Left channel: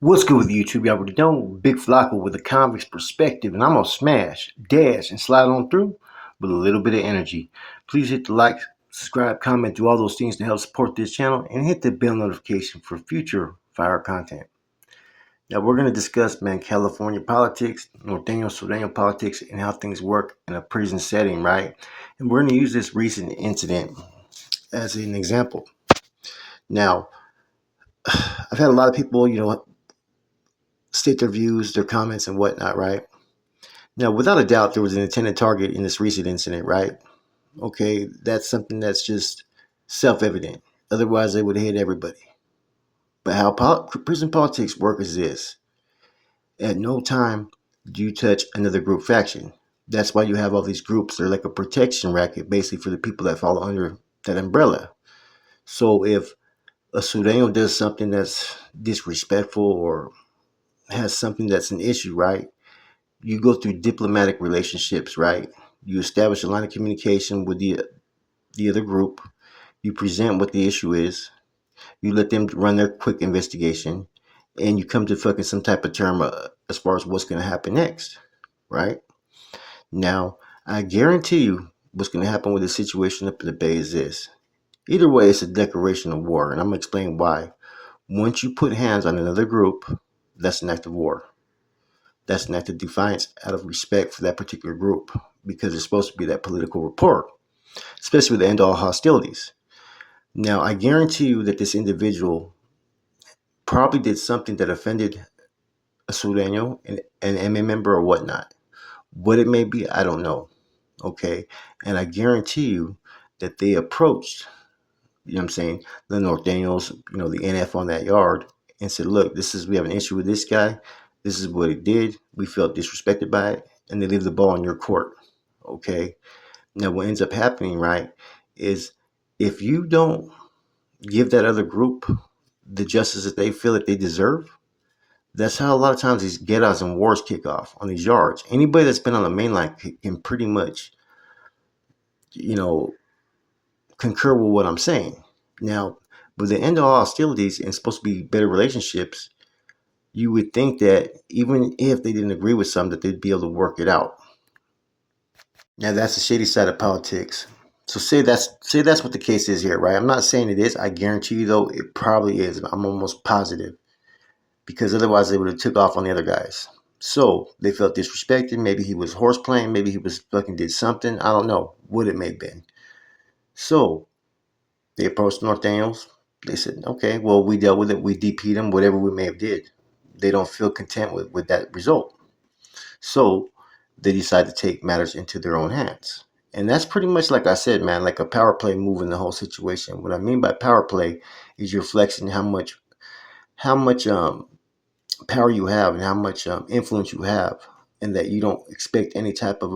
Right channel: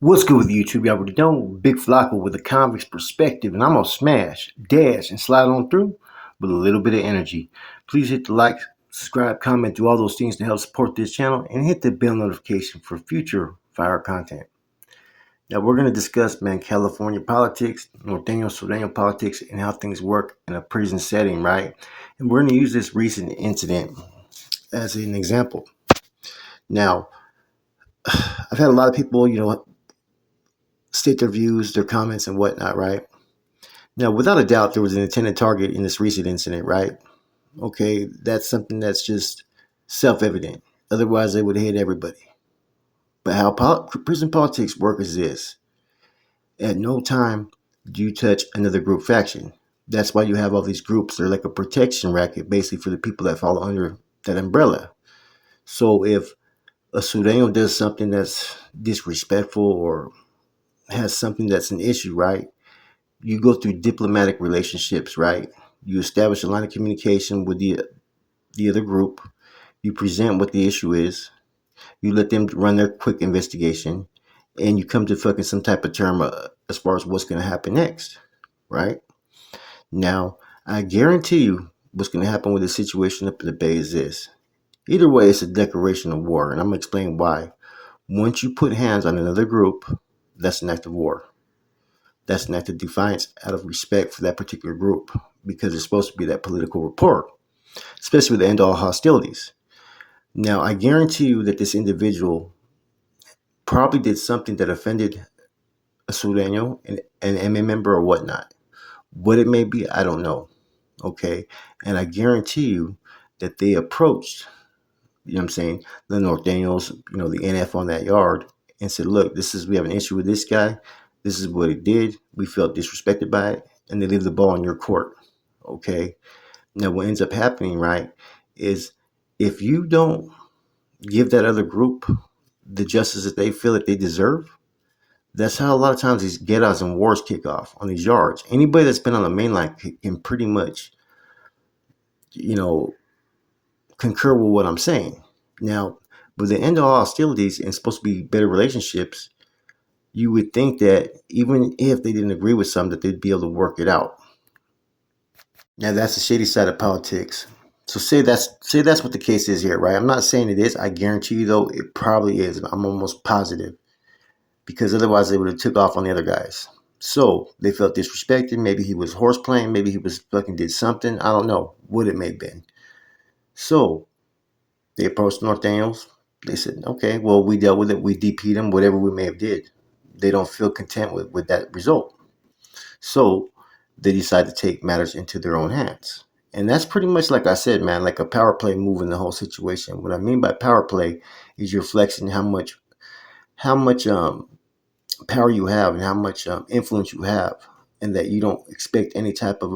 What's good with YouTube? Y'all already know Big Flacco with a convict's perspective, and I'm gonna smash, dash, and slide on through with a little bit of energy. Please hit the like, subscribe, comment, do all those things to help support this channel, and hit the bell notification for future fire content. Now we're gonna discuss, man, California politics, Norteño Sureño politics, and how things work in a prison setting, right? And we're gonna use this recent incident as an example. Now, I've had a lot of people, state their views, their comments, and whatnot, right? Now, without a doubt, there was an intended target in this recent incident, right? Okay, that's something that's just self evident. Otherwise, they would hit everybody. But how prison politics work is this: at no time do you touch another group faction. That's why you have all these groups. They're like a protection racket, basically, for the people that fall under that umbrella. So if a Sureño does something that's disrespectful or has something that's an issue, right? You go through diplomatic relationships, right? You establish a line of communication with the other group. You present what the issue is. You let them run their quick investigation, and you come to fucking some type of term as far as what's going to happen next, right? Now, I guarantee you, what's going to happen with the situation up in the Bay is this. Either way, it's a declaration of war, and I'm going to explain why. Once you put hands on another group, that's an act of war. That's an act of defiance out of respect for that particular group because it's supposed to be that political rapport, especially with the end all hostilities. Now, I guarantee you that this individual probably did something that offended a Sureño, an MA member, or whatnot. What it may be, I don't know. Okay. And I guarantee you that they approached, I'm saying, the Norteños, the NF on that yard and said, look, we have an issue with this guy. This is what he did. We felt disrespected by it. And they leave the ball in your court. Okay. Now, what ends up happening, right, is if you don't give that other group the justice that they feel that they deserve, that's how a lot of times these get-outs and wars kick off on these yards. Anybody that's been on the main line can pretty much, you know, concur with what I'm saying. Now, with the end of all hostilities and supposed to be better relationships, you would think that even if they didn't agree with something, that they'd be able to work it out. Now, that's the shady side of politics. So say that's what the case is here, right? I'm not saying it is. I guarantee you, though, it probably is. I'm almost positive because otherwise they would have took off on the other guys. So they felt disrespected. Maybe he was horseplaying. Maybe he was fucking did something. I don't know what it may have been. So they approached Norteños. They said, okay, well, we dealt with it. We DP'd them, whatever we may have did. They don't feel content with that result. So they decide to take matters into their own hands. And that's pretty much, like I said, man, like a power play move in the whole situation. What I mean by power play is you're flexing how much power you have and how much influence you have, and that you don't expect any type of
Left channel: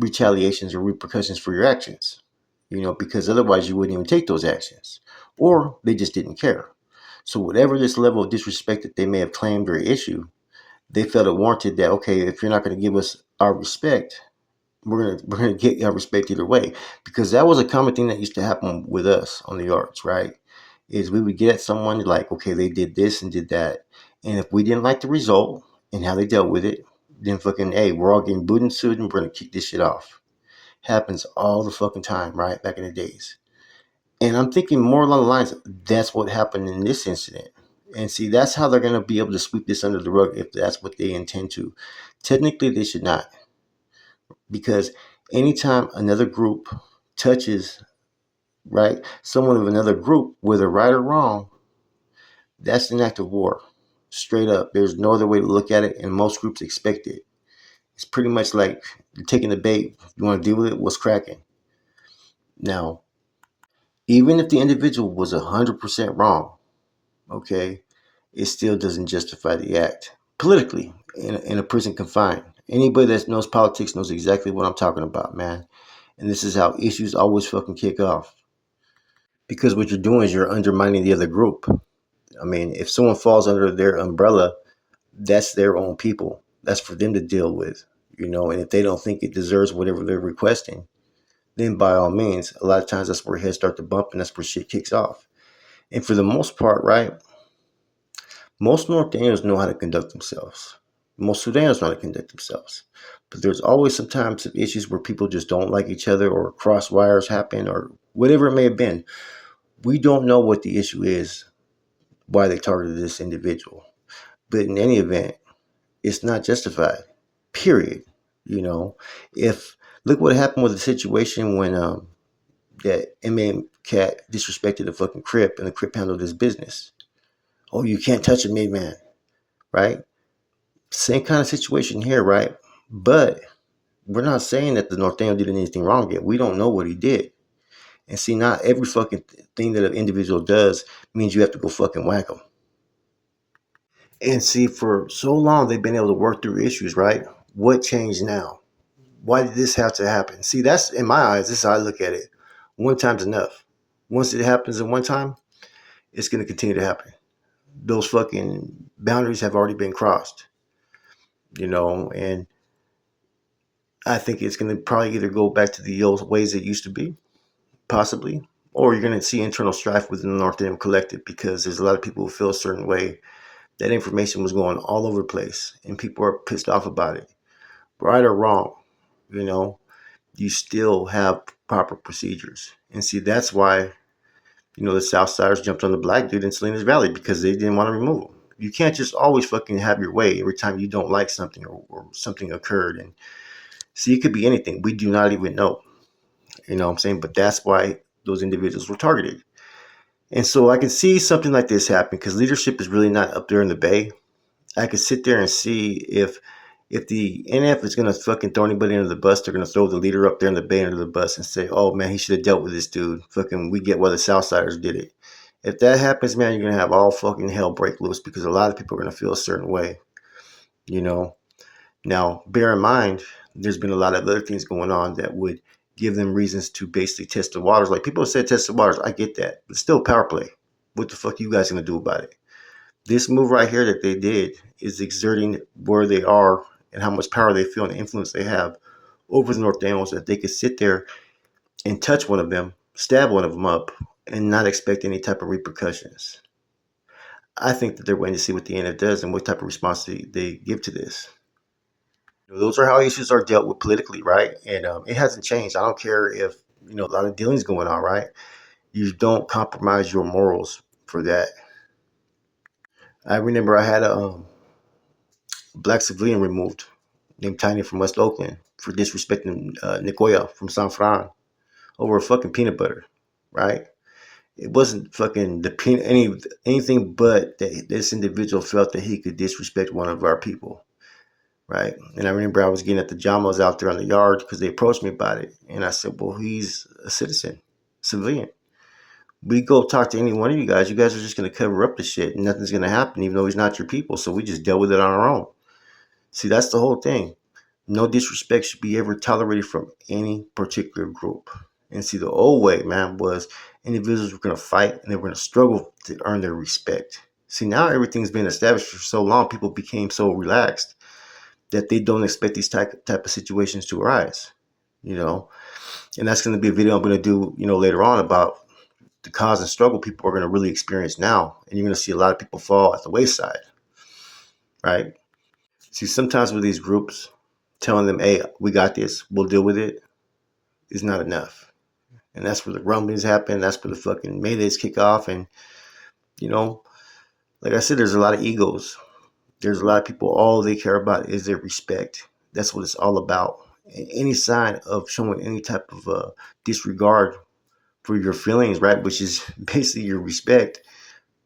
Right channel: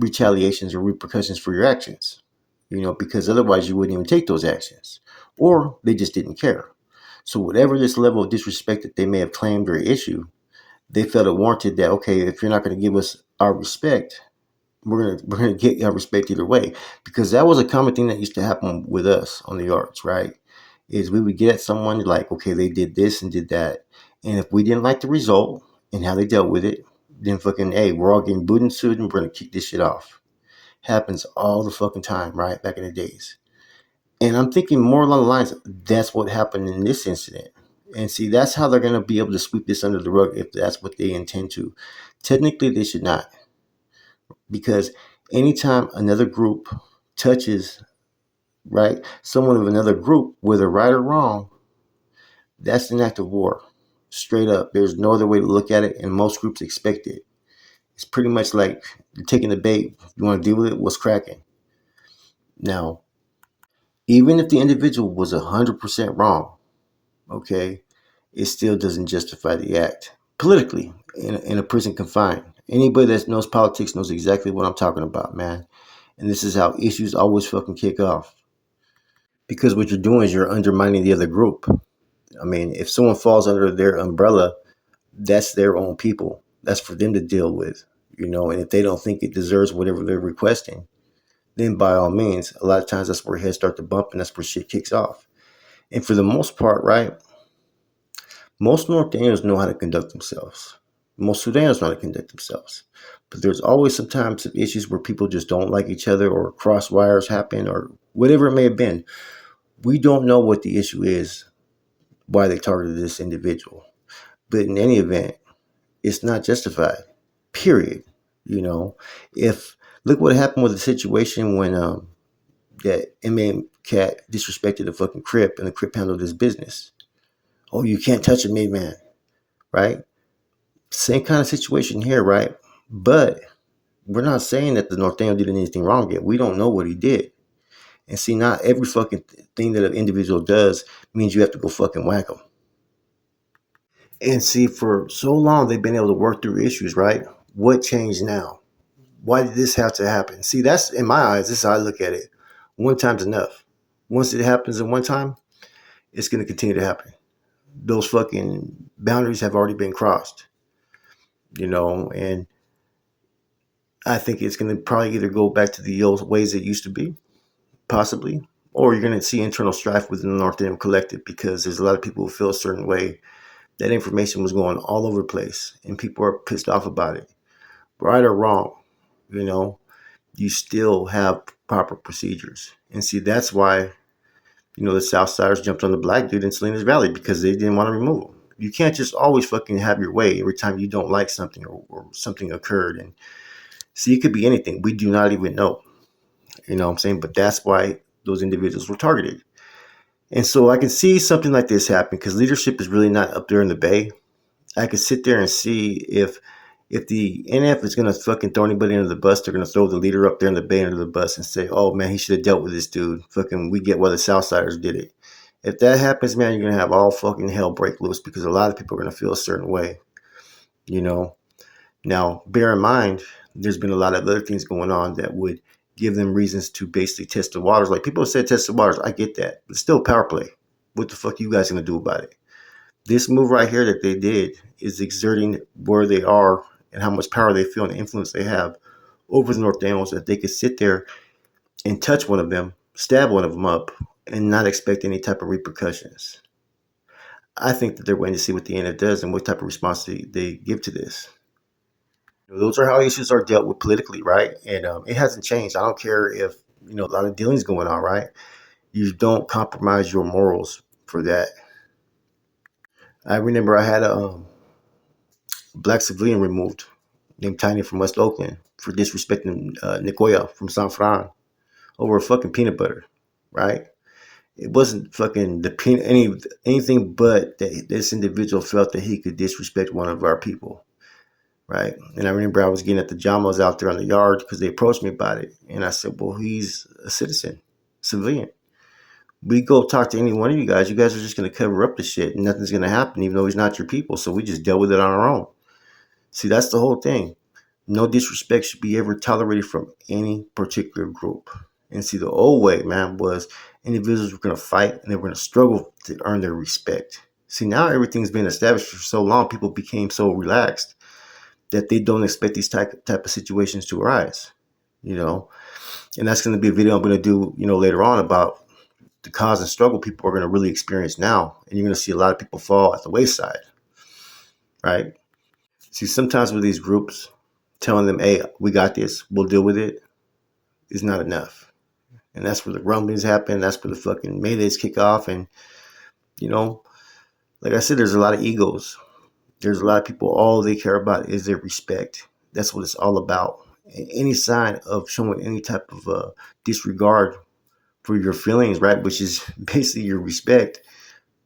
retaliations or repercussions for your actions. Because otherwise you wouldn't even take those actions, or they just didn't care. So whatever this level of disrespect that they may have claimed or issue, they felt it warranted that, okay, if you're not going to give us our respect, we're gonna get our respect either way, because that was a common thing that used to happen with us on the arts, right? Is we would get at someone like, okay, they did this and did that, and if we didn't like the result and how they dealt with it, then fucking, hey, we're all getting booted and sued and we're gonna kick this shit off. Happens all the fucking time, right? Back in the days. And I'm thinking more along the lines, that's what happened in this incident. And see, that's how they're going to be able to sweep this under the rug if that's what they intend to. Technically, they should not, because anytime another group touches, right, someone of another group, whether right or wrong, that's an act of war. Straight up. There's no other way to look at it, and most groups expect it. It's pretty much like you're taking the bait. You want to deal with it? What's cracking? Now, even if the individual was 100% wrong, okay, it still doesn't justify the act politically in a prison confined. Anybody that knows politics knows exactly what I'm talking about, man. And this is how issues always fucking kick off. Because what you're doing is you're undermining the other group. I mean, if someone falls under their umbrella, that's their own people. That's for them to deal with, and if they don't think it deserves whatever they're requesting, then by all means, a lot of times that's where heads start to bump and that's where shit kicks off. And for the most part, right, Most Norteños know how to conduct themselves. Most Sudanos know how to conduct themselves. But there's always sometimes some issues where people just don't like each other or cross wires happen or whatever it may have been. We don't know what the issue is, why they targeted this individual. But in any event, it's not justified. Period. You know, if look what happened with the situation when that inmate cat disrespected the fucking Crip and the Crip handled his business. Oh, you can't touch a made man, right? Same kind of situation here, right? But we're not saying that the Norteño did anything wrong yet. We don't know what he did. And see, not every fucking thing that an individual does means you have to go fucking whack him. And see, for so long they've been able to work through issues, right? What changed now? Why did this have to happen? See, that's in my eyes, this is how I look at it. One time's enough. Once it happens in one time, it's gonna continue to happen. Those fucking boundaries have already been crossed, and I think it's gonna probably either go back to the old ways it used to be, possibly, or you're gonna see internal strife within the North End collective because there's a lot of people who feel a certain way. That information was going all over the place, and people are pissed off about it. Right or wrong, you know, you still have proper procedures. And see, that's why, the Southsiders jumped on the black dude in Salinas Valley because they didn't want to remove him. You can't just always fucking have your way every time you don't like something or something occurred. And see, it could be anything. We do not even know. You know what I'm saying? But that's why those individuals were targeted. And so I can see something like this happen because leadership is really not up there in the Bay. I could sit there and see if the NF is gonna fucking throw anybody under the bus, they're gonna throw the leader up there in the Bay under the bus and say, "Oh man, he should have dealt with this dude." Fucking, we get why the Southsiders did it. If that happens, man, you're gonna have all fucking hell break loose because a lot of people are gonna feel a certain way. You know. Now, bear in mind, there's been a lot of other things going on that would give them reasons to basically test the waters. Like people said, test the waters. I get that, but still power play. What the fuck are you guys gonna do about it? This move right here that they did is exerting where they are and how much power they feel and the influence they have over the North Daniels that they could sit there and touch one of them, stab one of them up, and not expect any type of repercussions. I think that they're waiting to see what the NF does and what type of response they give to this. Those are how issues are dealt with politically, right? And it hasn't changed. I don't care if a lot of dealings going on, right? You don't compromise your morals for that. I remember I had a black civilian removed named Tiny from West Oakland for disrespecting Nicoya from San Fran over a fucking peanut butter, right? It wasn't fucking anything but that this individual felt that he could disrespect one of our people, right? And I remember I was getting at the Jamas out there on the yard because they approached me about it, and I said, "Well, he's a citizen, civilian. We go talk to any one of you guys. You guys are just gonna cover up the shit, and nothing's gonna happen, even though he's not your people. So we just dealt with it on our own." See, that's the whole thing. No disrespect should be ever tolerated from any particular group. And see, the old way, man, was individuals were going to fight and they were going to struggle to earn their respect. See, now everything's been established for so long, people became so relaxed that they don't expect these type of situations to arise, you know. And that's going to be a video I'm going to do, later on about the cause and struggle people are going to really experience now. And you're going to see a lot of people fall at the wayside, right? See, sometimes with these groups, telling them, "Hey, we got this, we'll deal with it," is not enough. And that's where the rumblings happen. That's where the fucking maydays kick off. And, you know, like I said, there's a lot of egos. There's a lot of people, all they care about is their respect. That's what it's all about. And any sign of showing any type of disregard for your feelings, right, which is basically your respect,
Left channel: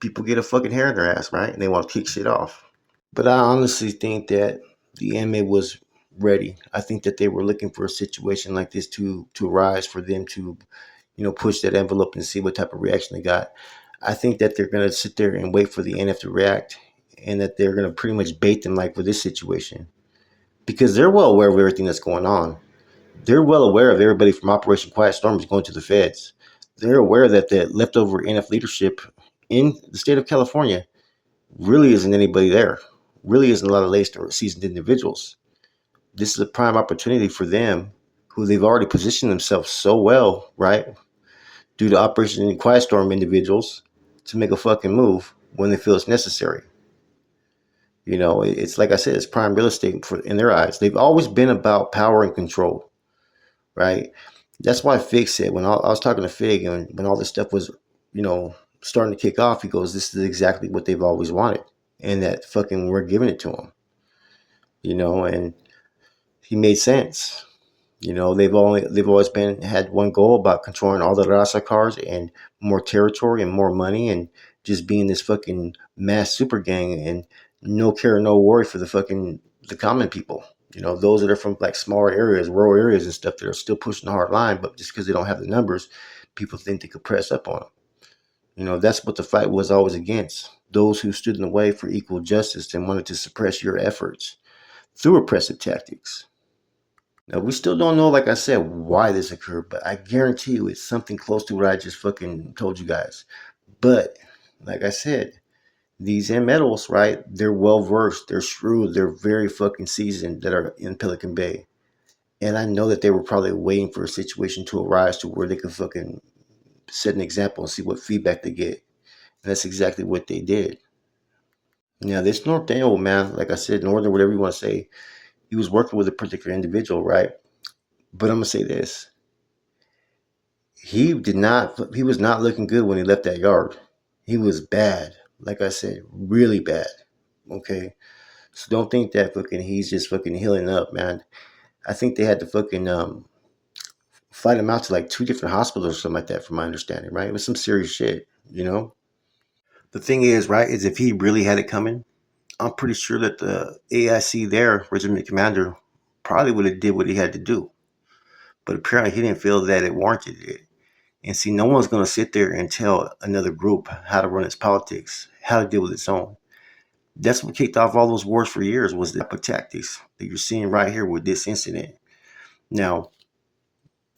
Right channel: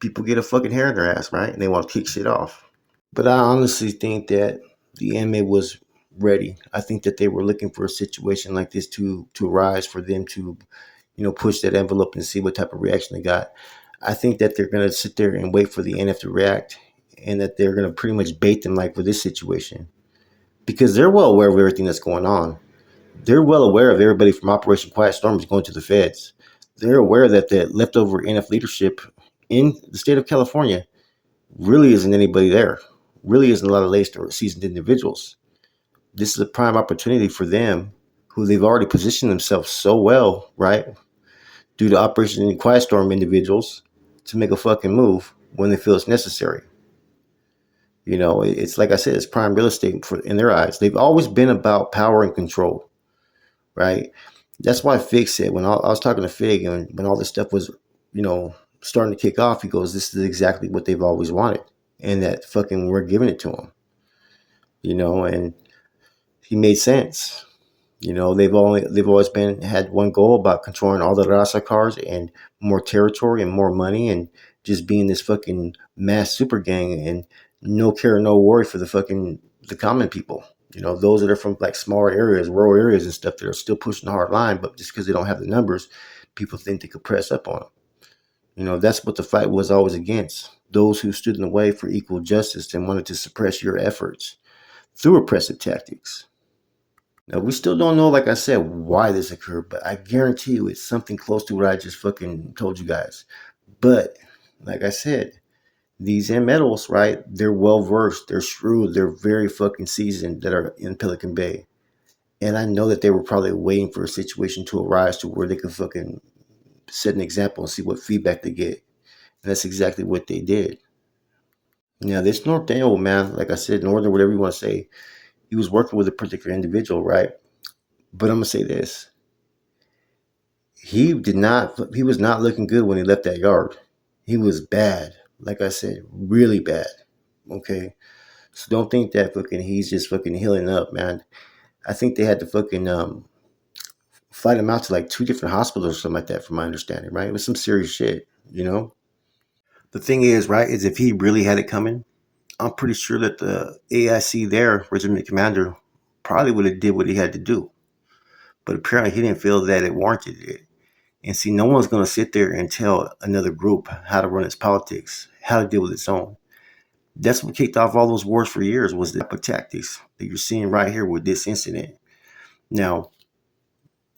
people get a fucking hair in their ass, right? And they want to kick shit off. But I honestly think that the anime was ready. I think that they were looking for a situation like this to arise for them to, push that envelope and see what type of reaction they got. I think that they're gonna sit there and wait for the NF to react, and that they're gonna pretty much bait them like for this situation because they're well aware of everything that's going on. They're well aware of everybody from Operation Quiet Storm is going to the feds. They're aware that the leftover NF leadership in the state of California really isn't anybody there. Really isn't a lot of laced or seasoned individuals. This is a prime opportunity for them, who they've already positioned themselves so well, right? Due to Operation Quiet Storm individuals, to make a fucking move when they feel it's necessary. It's like I said, it's prime real estate in their eyes. They've always been about power and control, right? That's why Fig said when I was talking to Fig and when all this stuff was, you know, starting to kick off, he goes, "This is exactly what they've always wanted, and that fucking we're giving it to them." And he made sense. They've always been had one goal about controlling all the raza cars and more territory and more money and just being this fucking mass super gang and no care, no worry for the common people. Those that are from like smaller areas, rural areas and stuff that are still pushing the hard line, but just because they don't have the numbers, people think they could press up on them. That's what the fight was always against. Those who stood in the way for equal justice and wanted to suppress your efforts through oppressive tactics. Now, we still don't know, like I said, why this occurred, but I guarantee you it's something close to what I just fucking told you guys. But, like I said, these metals, right? They're well versed, they're shrewd, they're very fucking seasoned that are in Pelican Bay. And I know that they were probably waiting for a situation to arise to where they could fucking set an example and see what feedback they get. And that's exactly what they did. Now, this North Dale, man, like I said, Northern, whatever you want to say, he was working with a particular individual, right? But I'm going to say this. He was not looking good when he left that yard. He was bad. Like I said, really bad. Okay. So don't think that fucking he's just fucking healing up, man. I think they had to fucking flight him out to like two different hospitals or something like that, from my understanding, right? It was some serious shit. The thing is, right, is if he really had it coming, I'm pretty sure that the AIC there, Regiment Commander, probably would have did what he had to do. But apparently he didn't feel that it warranted it. And see, no one's going to sit there and tell another group how to run its politics, how to deal with its own. That's what kicked off all those wars for years, was the type of tactics that you're seeing right here with this incident. Now,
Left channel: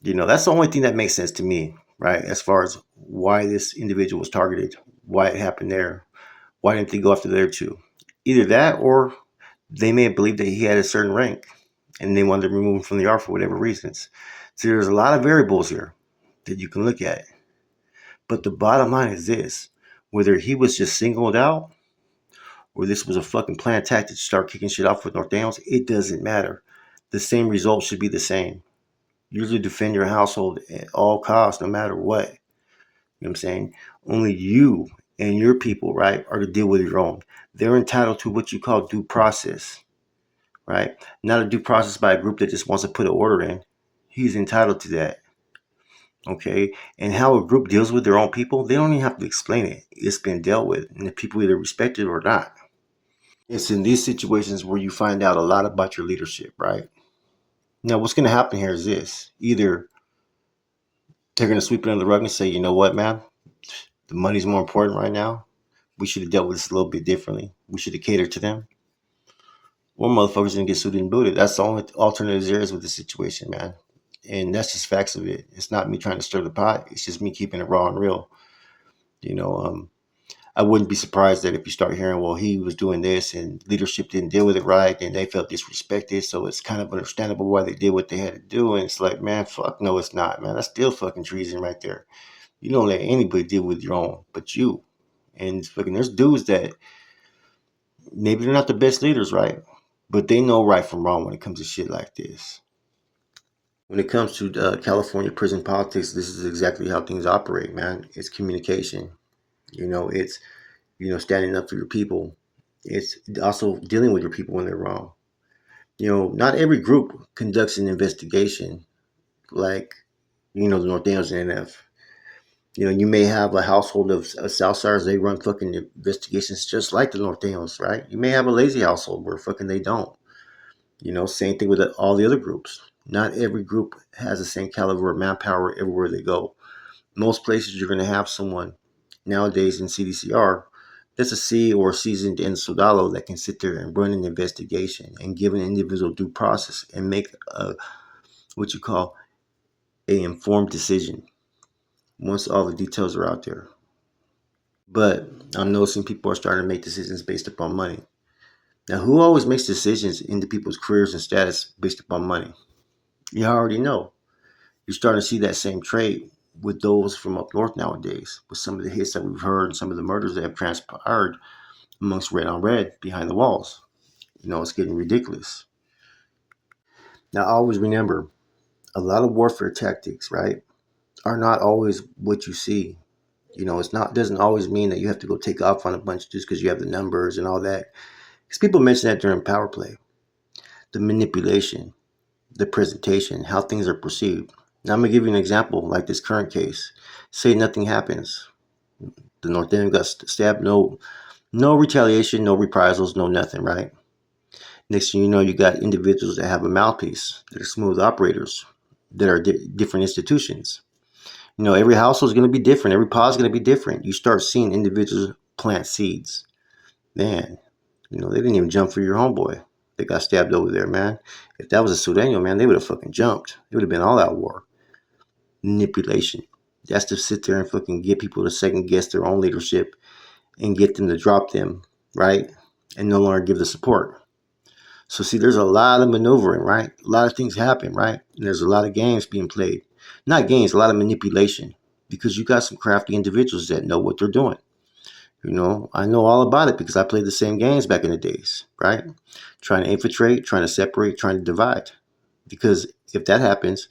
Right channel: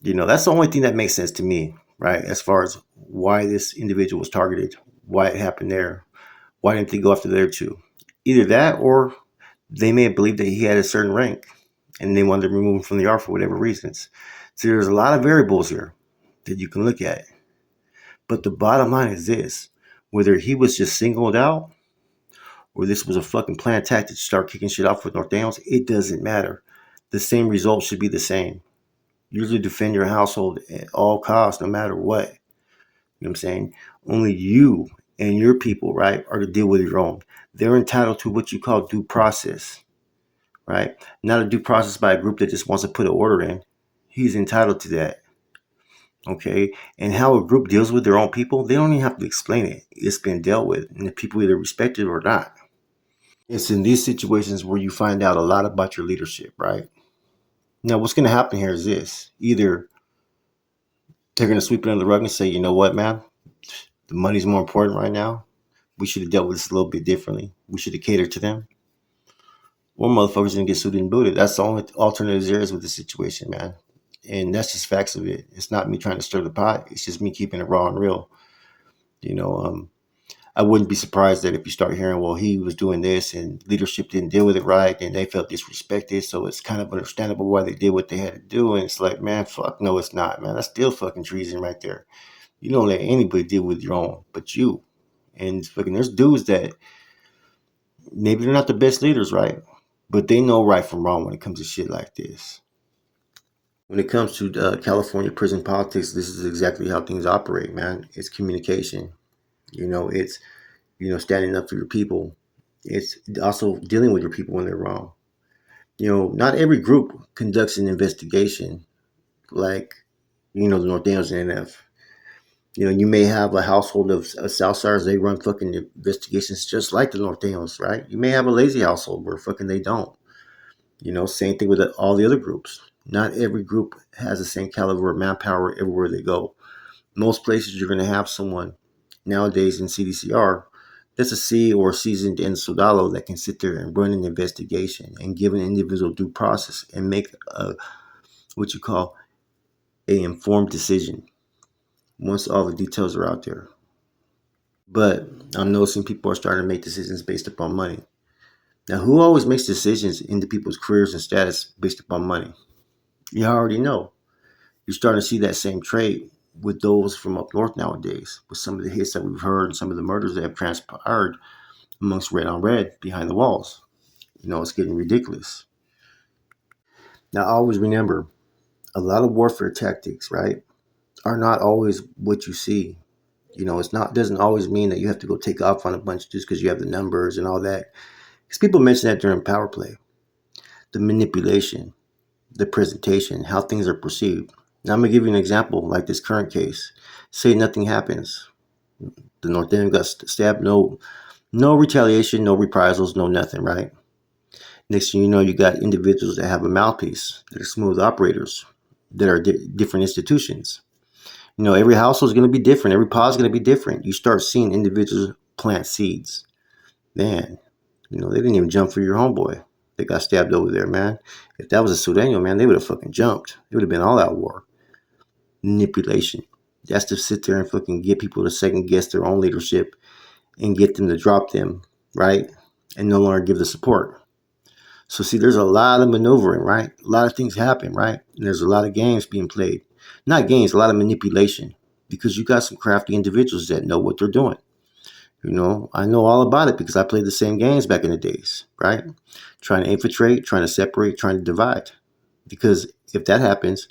that's the only thing that makes sense to me, right? As far as why this individual was targeted, why it happened there, why didn't they go after there too? Either that, or they may have believed that he had a certain rank and they wanted to remove him from the art for whatever reasons. So there's a lot of variables here that you can look at. But the bottom line is this: whether he was just singled out or this was a fucking planned tactic to start kicking shit off with North Downs, it doesn't matter. The same result should be the same. Usually defend your household at all costs, no matter what. You know what I'm saying? Only you and your people, right, are to deal with your own. They're entitled to what you call due process, right? Not a due process by a group that just wants to put an order in. He's entitled to that. Okay, and how a group deals with their own people, they don't even have to explain it. It's been dealt with, and the people either respect it or not. It's in these situations where you find out a lot about your leadership, right? Now, what's going to happen here is this: either they're going to sweep it under the rug and say, you know what, man, the money's more important right now. We should have dealt with this a little bit differently. We should have catered to them. Or motherfuckers going to get sued and booted. That's the only alternative there is with the situation, man. And that's just facts of it. It's not me trying to stir the pot. It's just me keeping it raw and real. You know, I wouldn't be surprised that if you start hearing, well, he was doing this and leadership didn't deal with it right and they felt disrespected. So it's kind of understandable why they did what they had to do. And it's like, man, fuck no, it's not, man. That's still fucking treason right there. You don't let anybody deal with your own but you. And fucking there's dudes that maybe they're not the best leaders, right? But they know right from wrong when it comes to shit like this. When it comes to California prison politics, this is exactly how things operate, man. It's communication. It's standing up for your people. It's also dealing with your people when they're wrong. Not every group conducts an investigation like, the North Daniels and NF. You may have a household of Southsiders, they run fucking investigations just like the North Daniels, right? You may have a lazy household where fucking they don't. Same thing with all the other groups. Not every group has the same caliber of manpower everywhere they go. Most places you're going to have someone nowadays in CDCR that's a C or a seasoned in Sodalo that can sit there and run an investigation and give an individual due process and make what you call a informed decision once all the details are out there. But I'm noticing people are starting to make decisions based upon money. Now, who always makes decisions into people's careers and status based upon money? You already know. You're starting to see that same trait with those from up north nowadays. With some of the hits that we've heard and some of the murders that have transpired, amongst red on red behind the walls. It's getting ridiculous. Now, always remember, a lot of warfare tactics, right, are not always what you see. It's not doesn't always mean that you have to go take off on a bunch just because you have the numbers and all that. Because people mention that during power play, the manipulation, the presentation, how things are perceived. Now I'm gonna give you an example, like this current case. Say nothing happens. The North End got stabbed. No retaliation, no reprisals, no nothing. Right. Next thing you know, you got individuals that have a mouthpiece. They're smooth operators that are different institutions. Every household is going to be different. Every pod is going to be different. You start seeing individuals plant seeds. Man, they didn't even jump for your homeboy. They got stabbed over there, man. If that was a Sudanio, man, they would have fucking jumped. It would have been all out war. Manipulation. That's to sit there and fucking get people to second guess their own leadership and get them to drop them, right? And no longer give the support. So see, there's a lot of maneuvering, right? A lot of things happen, right? And there's a lot of games being played. Not games, a lot of manipulation. Because you got some crafty individuals that know what they're doing. I know all about it because I played the same games back in the days, right? Trying to infiltrate, trying to separate, trying to divide. Because if that happens,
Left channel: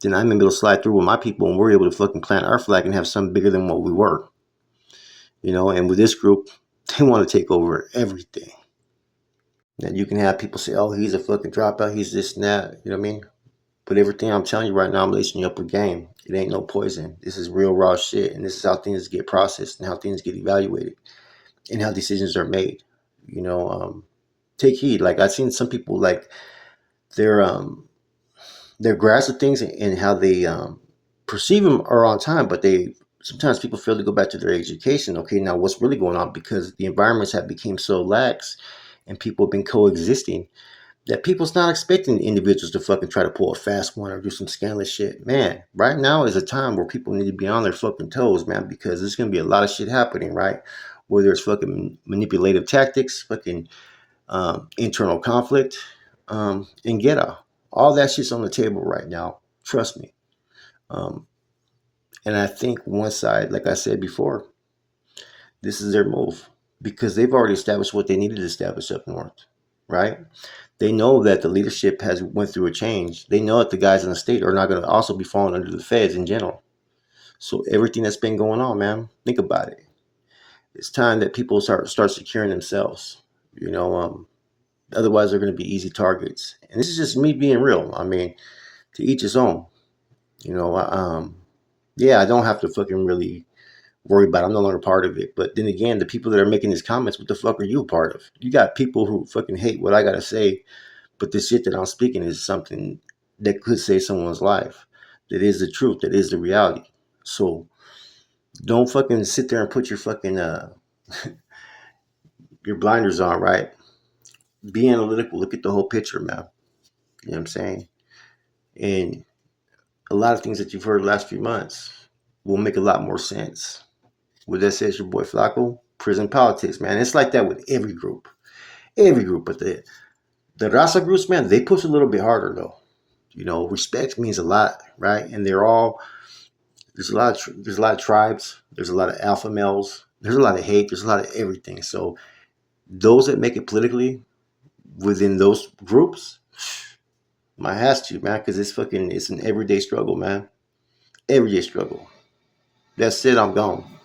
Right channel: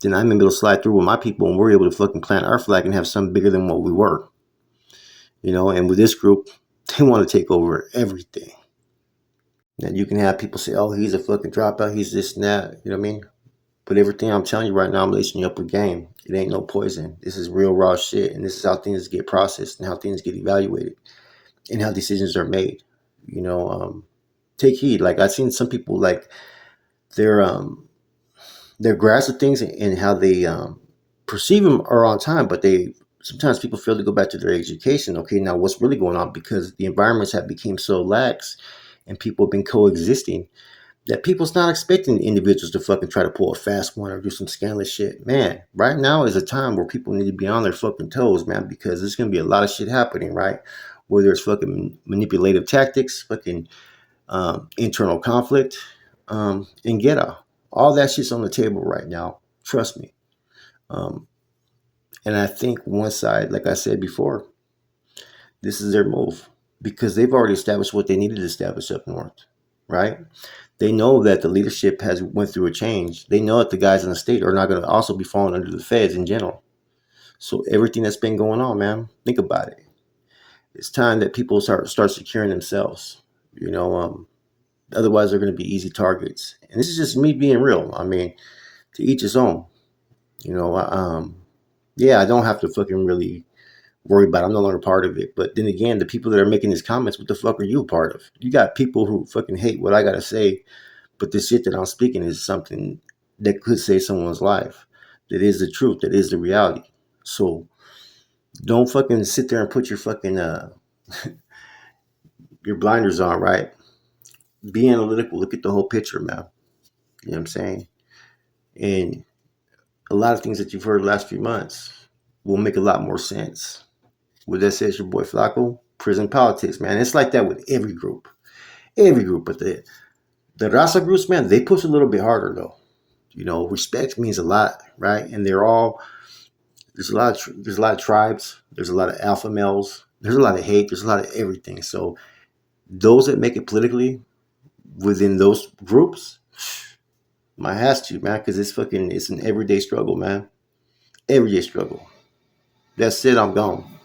then I'm able to slide through with my people and we're able to fucking plant our flag and have something bigger than what we were. And with this group, they want to take over everything. And you can have people say, oh, he's a fucking dropout, he's this and that, you know what I mean? But everything I'm telling you right now, I'm lacing you up with game. It ain't no poison. This is real raw shit. And this is how things get processed and how things get evaluated and how decisions are made. Take heed. Like I've seen some people like their grasp of things and how they perceive them are on time, but they sometimes people fail to go back to their education. Okay, now what's really going on? Because the environments have become so lax and people have been coexisting that people's not expecting individuals to fucking try to pull a fast one or do some scandalous shit. Man, right now is a time where people need to be on their fucking toes, man, because there's going to be a lot of shit happening, right? Whether it's fucking manipulative tactics, fucking internal conflict, and ghetto. All that shit's on the table right now. Trust me. Um, and I think one side, like I said before, this is their move because they've already established what they needed to establish up north, right? They know that the leadership has went through a change. They know that the guys in the state are not going to also be falling under the feds in general. So everything that's been going on, man, think about it. It's time that people start securing themselves. Otherwise they're going to be easy targets. And this is just me being real. I mean, to each his own. You know, yeah, I don't have to fucking really worry about it. I'm no longer part of it. But then again, the people that are making these comments, what the fuck are you a part of? You got people who fucking hate what I gotta say, but the shit that I'm speaking is something that could save someone's life. That is the truth. That is the reality. So don't fucking sit there and put your fucking your blinders on, right? Be analytical. Look at the whole picture, man. You know what I'm saying? And a lot of things that you've heard the last few months will make a lot more sense. With that says your boy Flacco, prison politics, man. It's like that with every group. Every group. But the Raza groups, man, they push a little bit harder though. Respect means a lot, right? And there's a lot of tribes, there's a lot of alpha males, there's a lot of hate, there's a lot of everything. So those that make it politically within those groups, my has to, man, because it's an everyday struggle, man. Everyday struggle. That's it, I'm gone.